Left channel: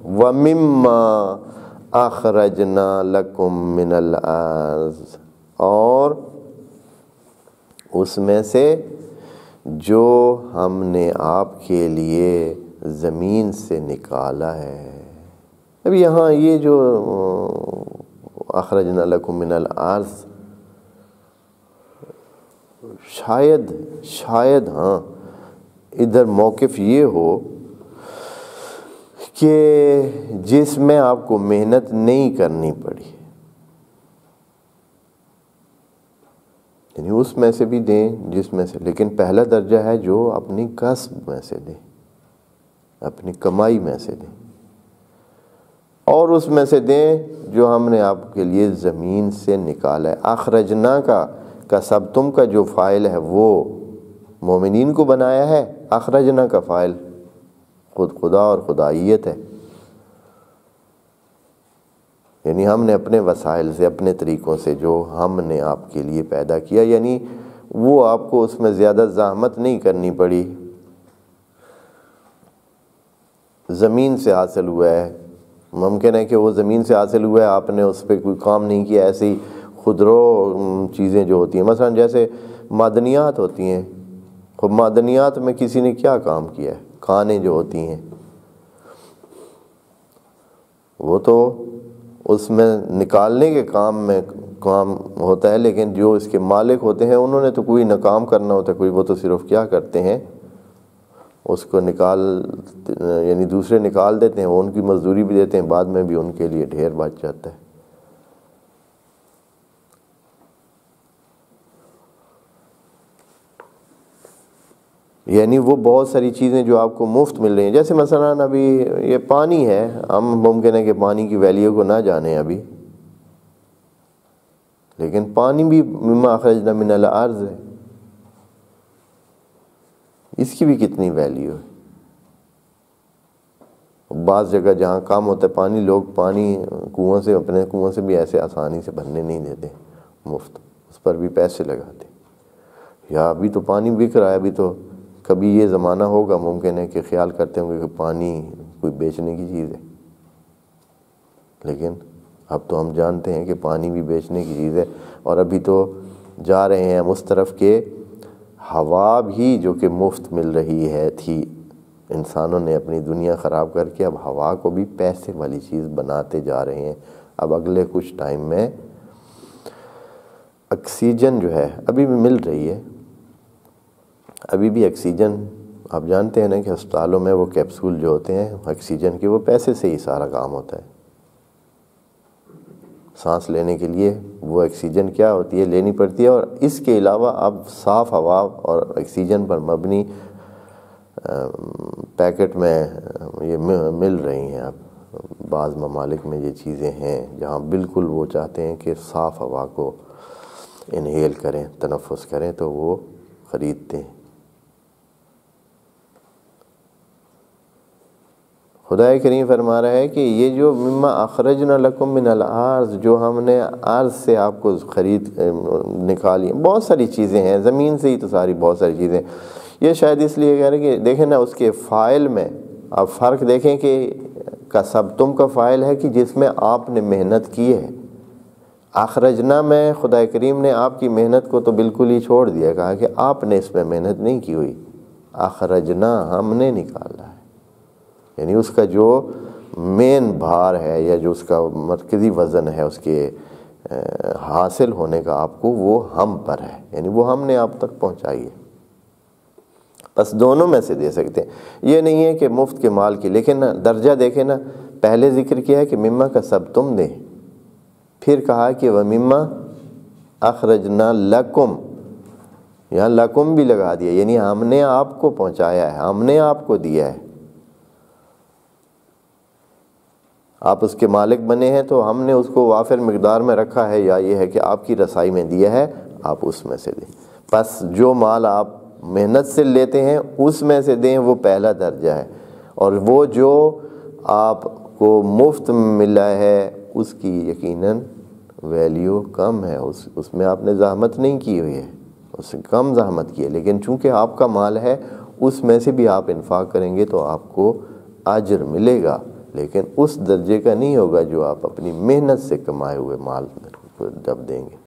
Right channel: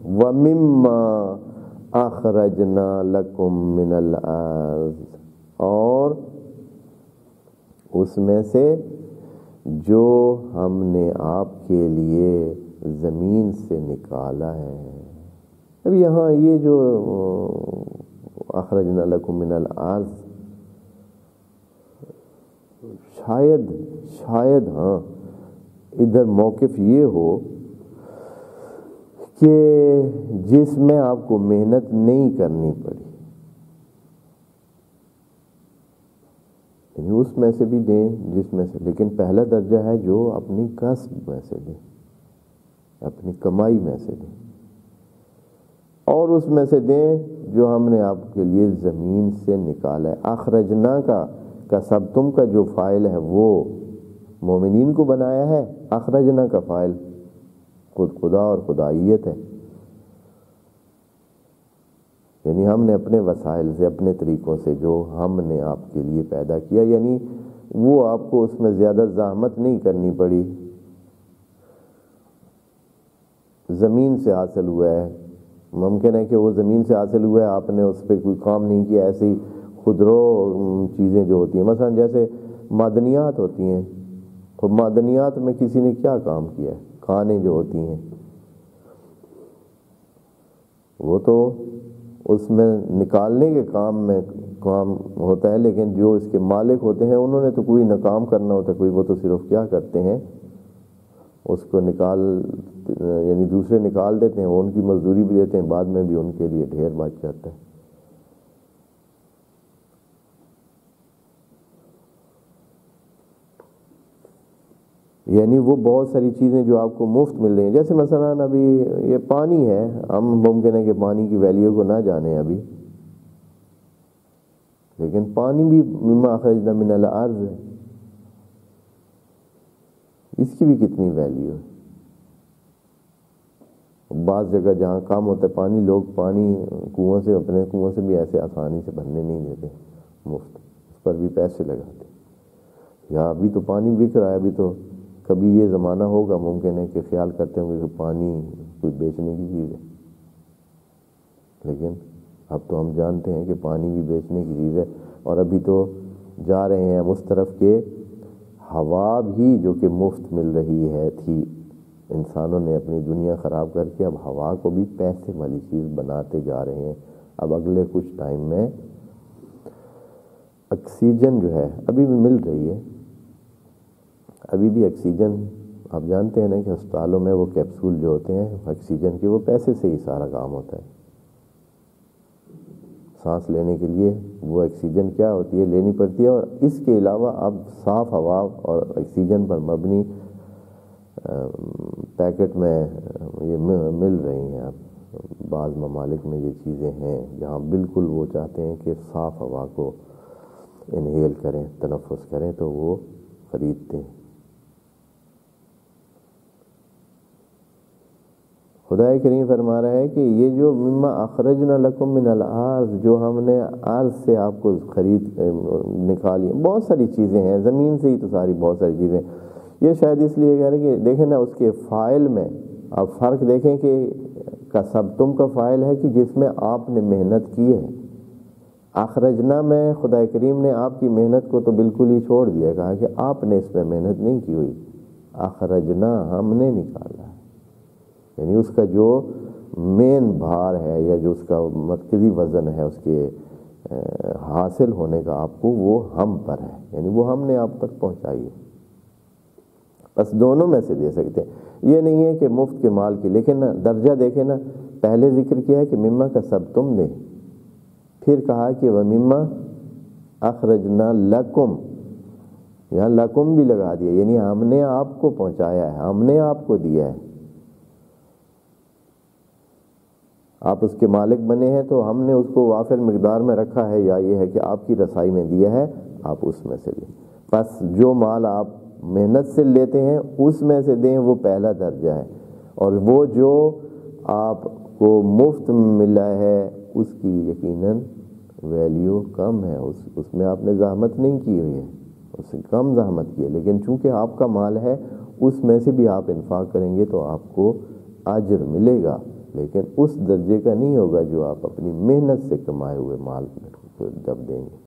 وَمِمَّا أَخْرَجْنَا لَكُم مِّنَ الْأَرْضِ، اور اس میں سے جو ہم نے آپ کے لیے زمین سے نکالا ہے۔ اب یہاں یہ جو اخرجنا لکم من الارض، شاید ہاں ادھر موقف یہ ہو کہ جس میں آپ کو محنت نہیں کرنی پڑی، یعنی اس میں سے بھی دیں جس میں سے، لیکن پہلا درجہ ہے جو اپنی کسب میں سے دیں، اپنی کمائی میں سے دیں، اور اس میں سے دیں جو ہم نے آپ کے لیے زمین سے نکالا ہے۔ اخرجنا کا کسبتم کا جو فاعل ہے وہ مومنین کو بنایا ہے، اخرجنا کا فاعل خود خدا اور خدائیت ہے، یعنی ہم نے اپنے وسائل سے، اپنے طریقوں سے جو ہم نے آپ کے لیے پیدا کیا، یعنی وہ آپ کو اس میں زیادہ زحمت نہیں کرنی پڑی، زمین سے حاصل ہوا ہے۔ ممکن ہے کہ وہ زمین سے حاصل ہوا ہے، آپ نے اس پہ کوئی کام نہیں کیا، ایسی ہی خودرو چیزیں جو ہوتی ہیں، مثلا جیسے معدنیات ہوتی ہیں، خب معدنیات میں کسی نے کیا کام کیا ہے، کانیں جو ہوتی ہیں وہ تو اس میں نکالنے کے کام ہوتا ہے، لیکن جو اس کے مالک ہوتے ہیں انہوں نے تو کوئی نہ کام کرنا ہوتا ہے، کوئی وہ تو صرف کیا کرتے ہیں، اس کو یعنی دوسرے نکال دیتے ہیں، وہ ان کی مزدوری بھی دیتے ہیں، بعد میں بھی ان کے لیے ڈھیر بچ جاتا ہے۔ یعنی وہ بہت ساری چیزیں جو آپ کو مفت مل رہی ہیں، جیسے مثلا ابھی یہ پانی ہے، ہم ممکن ہے کہ پانی کی ویلیو کو نہ جانیں ابھی، لیکن پانی بھی مما اخرجنا من الارض ہے، اس کی بھی کتنی ویلیو ہے۔ بعض جگہ جہاں کام ہوتا ہے پانی، لوگ پانی کنویں سے، اپنے کنویں سے بھی ایسے آسانی سے بھرنے نہیں دیتے، مفت، اس پر بھی پیسے لگاتے۔ یا ابھی تو پانی بک رہا ہے، ابھی تو کبھی یہ زمانہ ہوگا ممکن ہے کہ خیال کرتے ہوں گے کہ پانی کوئی بیچنے کی چیز ہے، لیکن اب تو ہم جانتے ہیں کہ پانی بھی بیچنے کی چیز ہے، اور ابھی تو جا رہے ہیں ہم اس طرف کہ ہوا بھی جو کہ مفت مل رہی تھی، انسانوں نے اپنی دنیا خراب کر کے اب ہوا کو بھی پیسے والی چیز بناتے جا رہے ہیں۔ اب اگلے کچھ ٹائم میں آکسیجن جو ہے ابھی بھی مل رہی ہے، ابھی بھی آکسیجن آپ جانتے ہیں نا کہ ہسپتالوں میں وہ کیپسول جو ہوتے ہیں آکسیجن کے، وہ پیسے سے ہی سارا کام ہوتا ہے۔ سانس لینے کے لیے وہ آکسیجن کیا ہوتی ہے، لینی پڑتی ہے، اور اس کے علاوہ اب صاف ہوا اور آکسیجن پر مبنی پیکٹ میں یہ مل رہی ہیں۔ اب بعض ممالک میں یہ چیزیں ہیں جہاں بالکل وہ چاہتے ہیں کہ صاف ہوا کو انہیل کریں، تنفس کریں، تو وہ خریدتے ہیں۔ خدا کریم فرما رہا ہے کہ یہ جو مما اخرجنا لکم من الارض، جو ہم نے ارض سے آپ کو خرید نکالی، بہت ساری چیزیں ہیں، زمین سے ہی تو ساری بہت ساری چیزیں، یہ شاید اس لیے کہہ رہے ہیں کہ دیکھیں نا اس کے فاعل میں آپ فرق دیکھیں کہ کسبتم کا فاعل ہے کہ جس میں آپ نے محنت کی ہے، اخرجنا میں خدا کریم نے آپ کی محنت کو تو بالکل ہی چھوڑ دیا، کہا کہ آپ نے اس میں محنت نہیں کی ہوئی، اخرجنا ہم نے نکالا ہے، یعنی اس کا جو مین بھار ہے یا جو اس کا مرکزی وزن ہے اس کے حاصل ہونے کا آپ کو، وہ ہم پر ہے، یعنی وہ ہم نے آپ تک پہنچائی ہے۔ بس دونوں میں سے دے سکتے ہیں، یہ نہیں ہے کہ مفت کے مال کی، لیکن درجہ دیکھیں نا، پہلے ذکر کیا ہے کہ مما کا سب تم دے، پھر کہا کہ وَمِمَّا اخرجنا لکم، یہاں لکم بھی لگا دیا، یعنی ہم نے آپ کو پہنچایا ہے، ہم نے آپ کو دیا ہے، آپ اس کے مالک بنے ہیں تو ہم نے اس کو وافر مقدار میں رکھا ہے، یا یہ ہے کہ آپ کی رسائی میں دیا ہے، آپ اس میں سے دیں۔ بس جو مال آپ محنت سے لیتے ہیں اس میں سے دیں، وہ پہلا درجہ ہے، اور وہ جو آپ کو مفت ملا ہے اس کی یقیناً ویلیو کم ہے، اس میں آپ نے زحمت نہیں کی ہوئی ہے، اس سے کم زحمت کی ہے، لیکن چونکہ آپ کا مال ہے اس میں سے بھی آپ انفاق کریں گے تو آپ کو اجر ملے گا، لیکن اس درجے کا نہیں ہوگا جو آپ اپنی محنت سے کمائے ہوئے مال کو جب دیں گے۔